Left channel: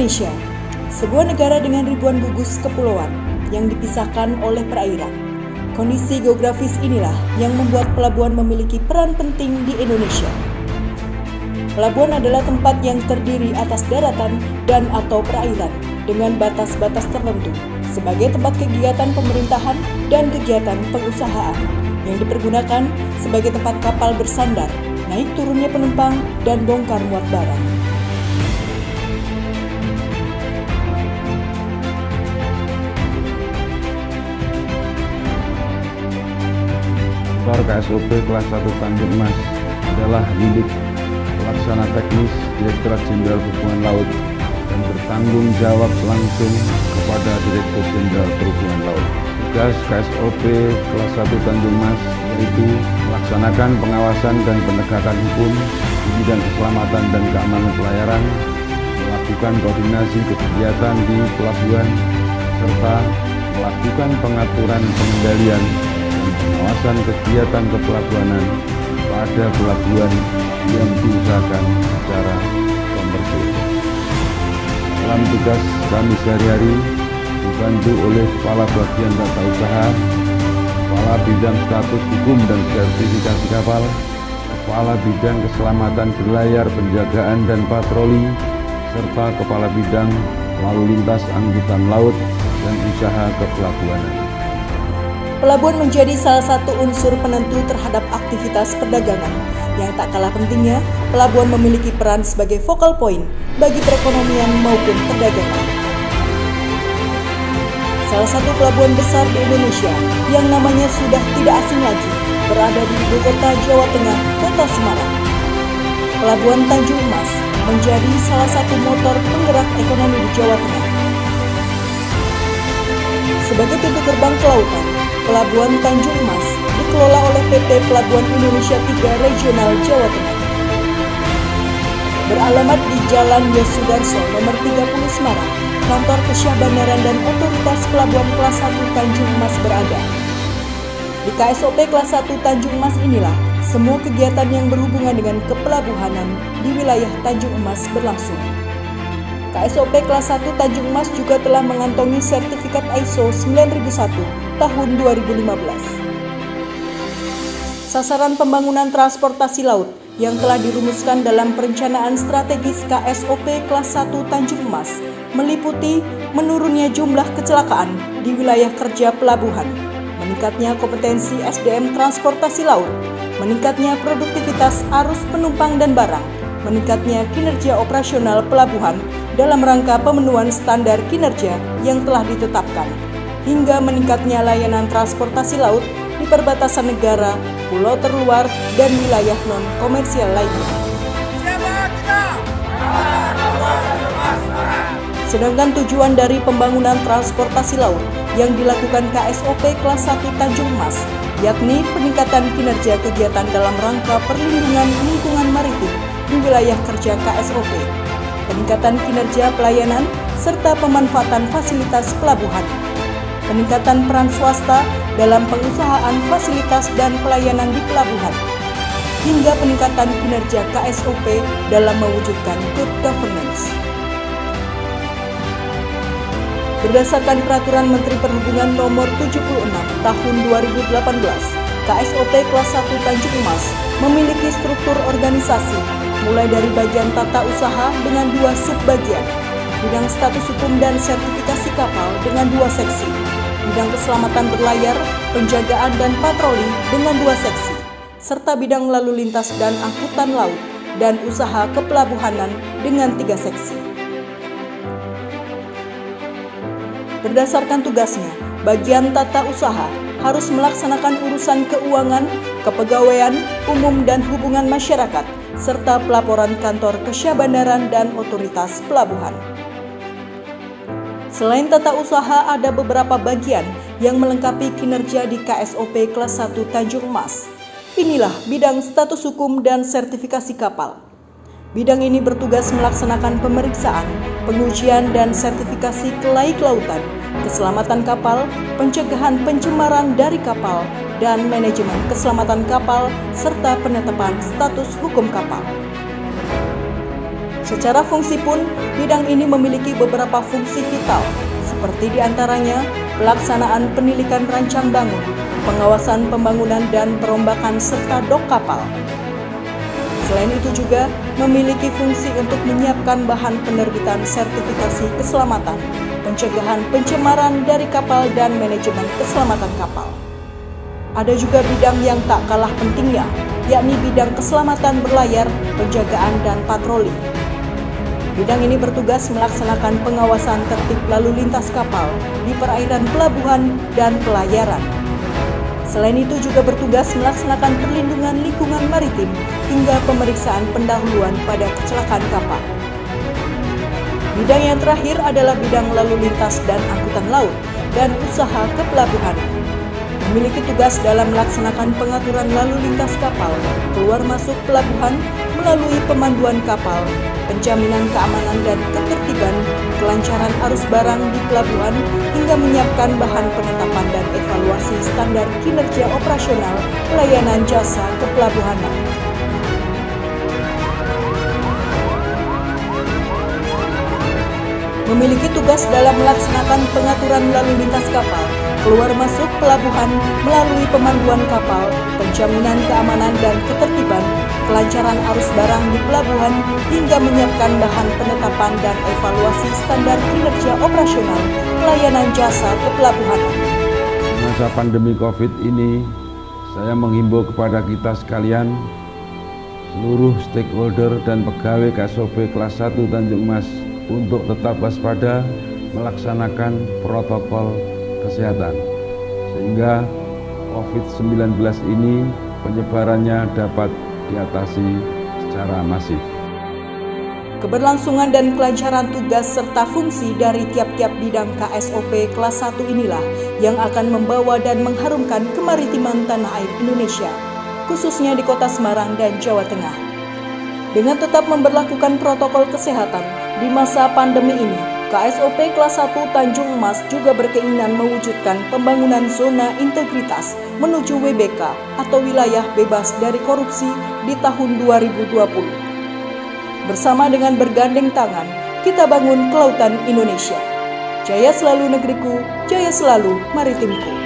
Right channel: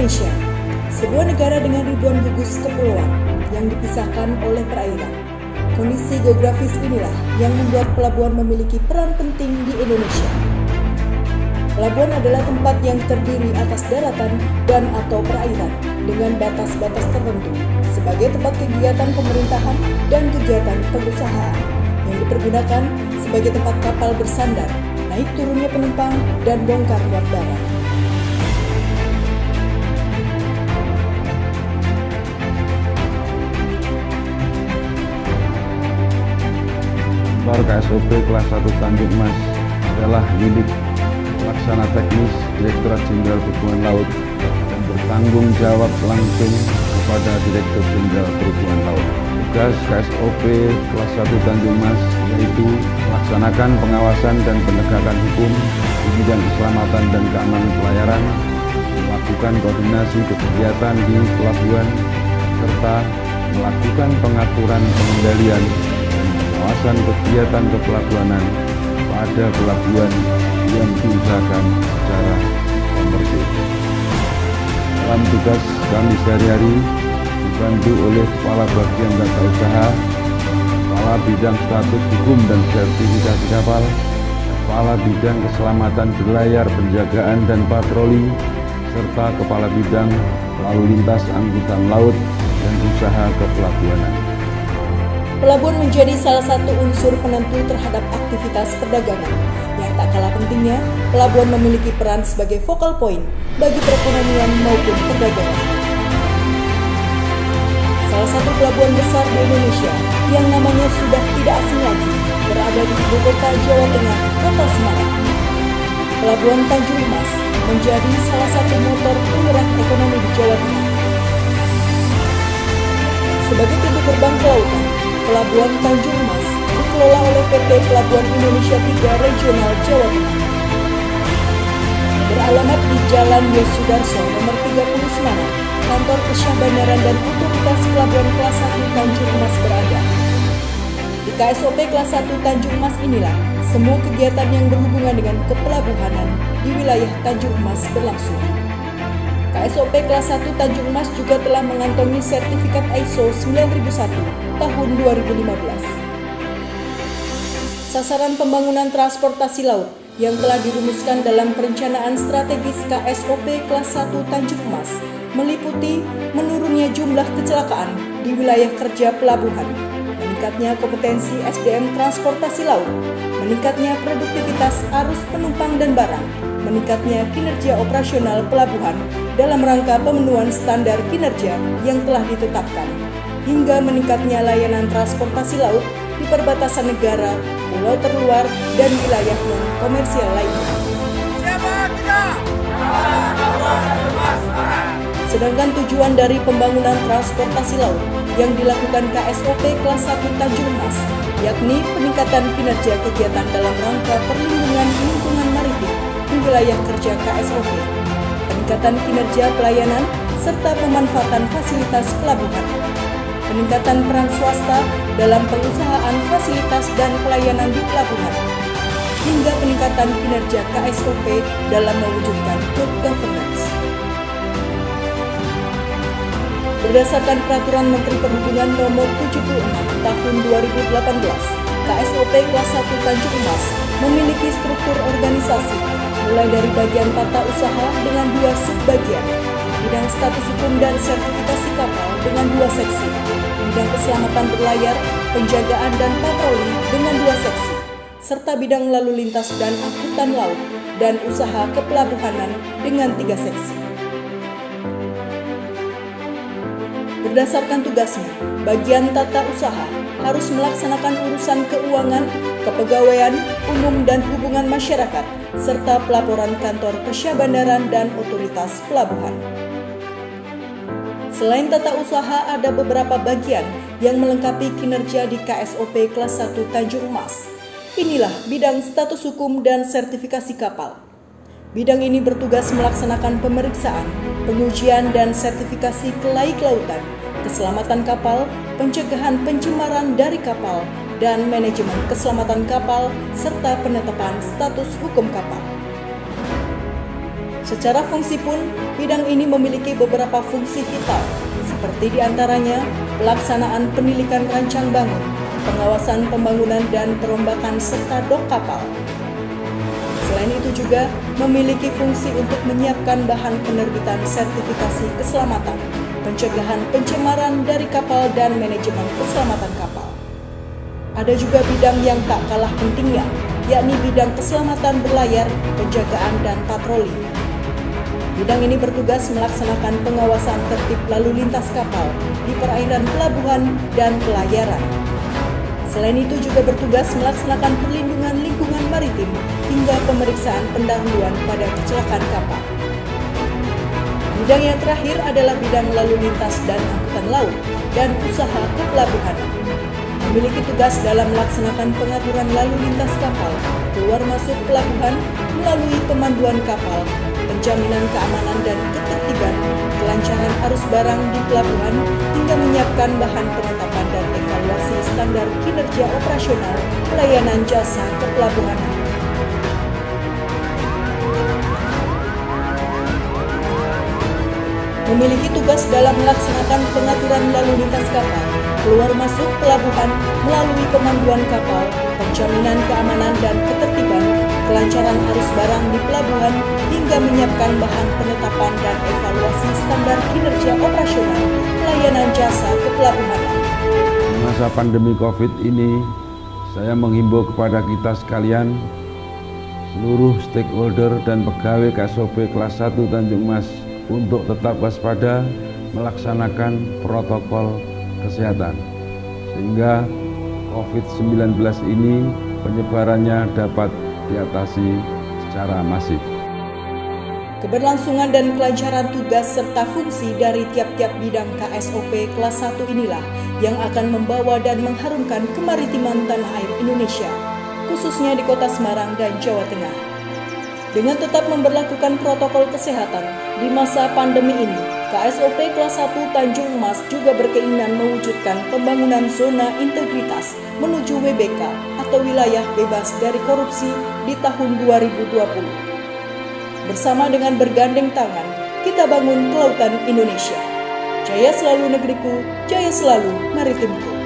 Indonesia, sebuah negara dengan ribuan gugus kepulauan yang dipisahkan oleh perairan. Kondisi geografis inilah yang membuat pelabuhan memiliki peran penting di Indonesia. Pelabuhan adalah tempat yang terdiri atas daratan dan atau perairan dengan batas-batas tertentu sebagai tempat kegiatan pemerintahan dan kegiatan pengusahaan yang dipergunakan sebagai tempat kapal bersandar, naik turunnya penumpang, dan bongkar muat barang. Kantor KSOP kelas 1 Tanjung Mas adalah unit pelaksana teknis Direktorat Jenderal Perhubungan Laut dan bertanggung jawab langsung kepada Direktur Jenderal Perhubungan Laut. Tugas KSOP kelas 1 Tanjung Mas yaitu melaksanakan pengawasan dan penegakan hukum di bidang keselamatan dan keamanan pelayaran, melakukan koordinasi kegiatan di pelabuhan, serta melakukan pengaturan pengendalian dan pengawasan kegiatan kepelabuhanan pada pelabuhan yang diusahakan secara komersil. Dalam tugas kami sehari-hari dibantu oleh Kepala Bagian Tata Usaha, Kepala Bidang Status Hukum dan Sertifikasi Kapal, Kepala Bidang Keselamatan Berlayar, Penjagaan dan Patroli, serta Kepala Bidang Lalu Lintas Angkutan Laut dan Usaha Kepelabuhanan. Pelabuhan menjadi salah satu unsur penentu terhadap aktivitas perdagangan. Yang tak kalah pentingnya, pelabuhan memiliki peran sebagai focal point bagi perekonomian maupun perdagangan. Salah satu pelabuhan besar di Indonesia yang namanya sudah tidak asing lagi berada di ibu kota Jawa Tengah, Kota Semarang. Pelabuhan Tanjung Mas menjadi salah satu motor penggerak ekonomi di Jawa Tengah. Sebagai pintu gerbang kelautan, Pelabuhan Tanjung Mas dikelola oleh PT Pelabuhan Indonesia 3 Regional Jawa Tengah. Beralamat di Jalan Yosudarso nomor 30 Semarang, kantor Kesyahbandaran dan Otoritas Pelabuhan kelas 1 Tanjung Mas berada. Di KSOP kelas 1 Tanjung Mas inilah semua kegiatan yang berhubungan dengan kepelabuhanan di wilayah Tanjung Mas berlangsung. KSOP kelas 1 Tanjung Mas juga telah mengantongi sertifikat ISO 9001 tahun 2015. Sasaran pembangunan transportasi laut yang telah dirumuskan dalam perencanaan strategis KSOP kelas 1 Tanjung Mas meliputi menurunnya jumlah kecelakaan di wilayah kerja pelabuhan, meningkatnya kompetensi SDM transportasi laut, meningkatnya produktivitas arus penumpang dan barang, meningkatnya kinerja operasional pelabuhan dalam rangka pemenuhan standar kinerja yang telah ditetapkan, hingga meningkatnya layanan transportasi laut di perbatasan negara, pulau terluar, dan wilayah non-komersial lainnya. Sedangkan tujuan dari pembangunan transportasi laut yang dilakukan KSOP kelas 1 Tanjung Mas yakni peningkatan kinerja kegiatan dalam rangka perlindungan lingkungan maritim di wilayah kerja KSOP, peningkatan kinerja pelayanan, serta pemanfaatan fasilitas pelabuhan, peningkatan peran swasta dalam pengusahaan fasilitas dan pelayanan di pelabuhan, hingga peningkatan kinerja KSOP dalam mewujudkan good governance. Berdasarkan Peraturan Menteri Perhubungan Nomor 76 Tahun 2018, KSOP kelas 1 Tanjung Mas memiliki struktur organisasi mulai dari bagian tata usaha dengan 2 subbagian, bidang status hukum dan sertifikasi kapal dengan 2 seksi, bidang keselamatan berlayar, penjagaan dan patroli dengan 2 seksi, serta bidang lalu lintas dan angkutan laut dan usaha kepelabuhanan dengan 3 seksi. Berdasarkan tugasnya, bagian tata usaha harus melaksanakan urusan keuangan, kepegawaian, umum dan hubungan masyarakat, serta pelaporan kantor Kesyahbandaran dan otoritas pelabuhan. Selain tata usaha, ada beberapa bagian yang melengkapi kinerja di KSOP kelas 1 Tanjung Mas. Inilah bidang status hukum dan sertifikasi kapal. Bidang ini bertugas melaksanakan pemeriksaan, pengujian dan sertifikasi kelaik lautan, keselamatan kapal, pencegahan pencemaran dari kapal, dan manajemen keselamatan kapal, serta penetapan status hukum kapal. Secara fungsi pun, bidang ini memiliki beberapa fungsi vital, seperti diantaranya pelaksanaan penilikan rancang bangun, pengawasan pembangunan dan perombakan serta dok kapal. Selain itu juga memiliki fungsi untuk menyiapkan bahan penerbitan sertifikasi keselamatan, pencegahan pencemaran dari kapal dan manajemen keselamatan kapal. Ada juga bidang yang tak kalah pentingnya, yakni bidang keselamatan berlayar, penjagaan dan patroli. Bidang ini bertugas melaksanakan pengawasan tertib lalu lintas kapal di perairan pelabuhan dan pelayaran. Selain itu juga bertugas melaksanakan perlindungan lingkungan maritim hingga pemeriksaan pendahuluan pada kecelakaan kapal. Bidang yang terakhir adalah bidang lalu lintas dan angkutan laut dan usaha kepelabuhan. Memiliki tugas dalam melaksanakan pengaturan lalu lintas kapal, keluar masuk pelabuhan melalui pemanduan kapal, penjaminan keamanan dan ketertiban, kelancaran arus barang di pelabuhan, hingga menyiapkan bahan penetapan dan evaluasi standar kinerja operasional pelayanan jasa kepelabuhanan. Memiliki tugas dalam melaksanakan pengaturan lalu lintas kapal, keluar masuk pelabuhan melalui pemanduan kapal, penjaminan keamanan dan ketertiban, kelancaran arus barang di pelabuhan, hingga menyiapkan bahan penetapan dan evaluasi standar kinerja operasional pelayanan jasa kepelabuhanan. Di masa pandemi COVID ini, saya menghimbau kepada kita sekalian, seluruh stakeholder dan pegawai KSOP kelas 1 Tanjung Mas untuk tetap waspada melaksanakan protokol kesehatan, sehingga COVID-19 ini penyebarannya dapat diatasi secara masif. Keberlangsungan dan kelancaran tugas serta fungsi dari tiap-tiap bidang KSOP kelas 1 inilah yang akan membawa dan mengharumkan kemaritiman tanah air Indonesia, khususnya di Kota Semarang dan Jawa Tengah. Dengan tetap memberlakukan protokol kesehatan di masa pandemi ini, KSOP kelas 1 Tanjung Mas juga berkeinginan mewujudkan pembangunan zona integritas menuju WBK atau wilayah bebas dari korupsi di tahun 2020. Bersama dengan bergandeng tangan, kita bangun kelautan Indonesia. Jaya selalu negeriku, jaya selalu maritimku.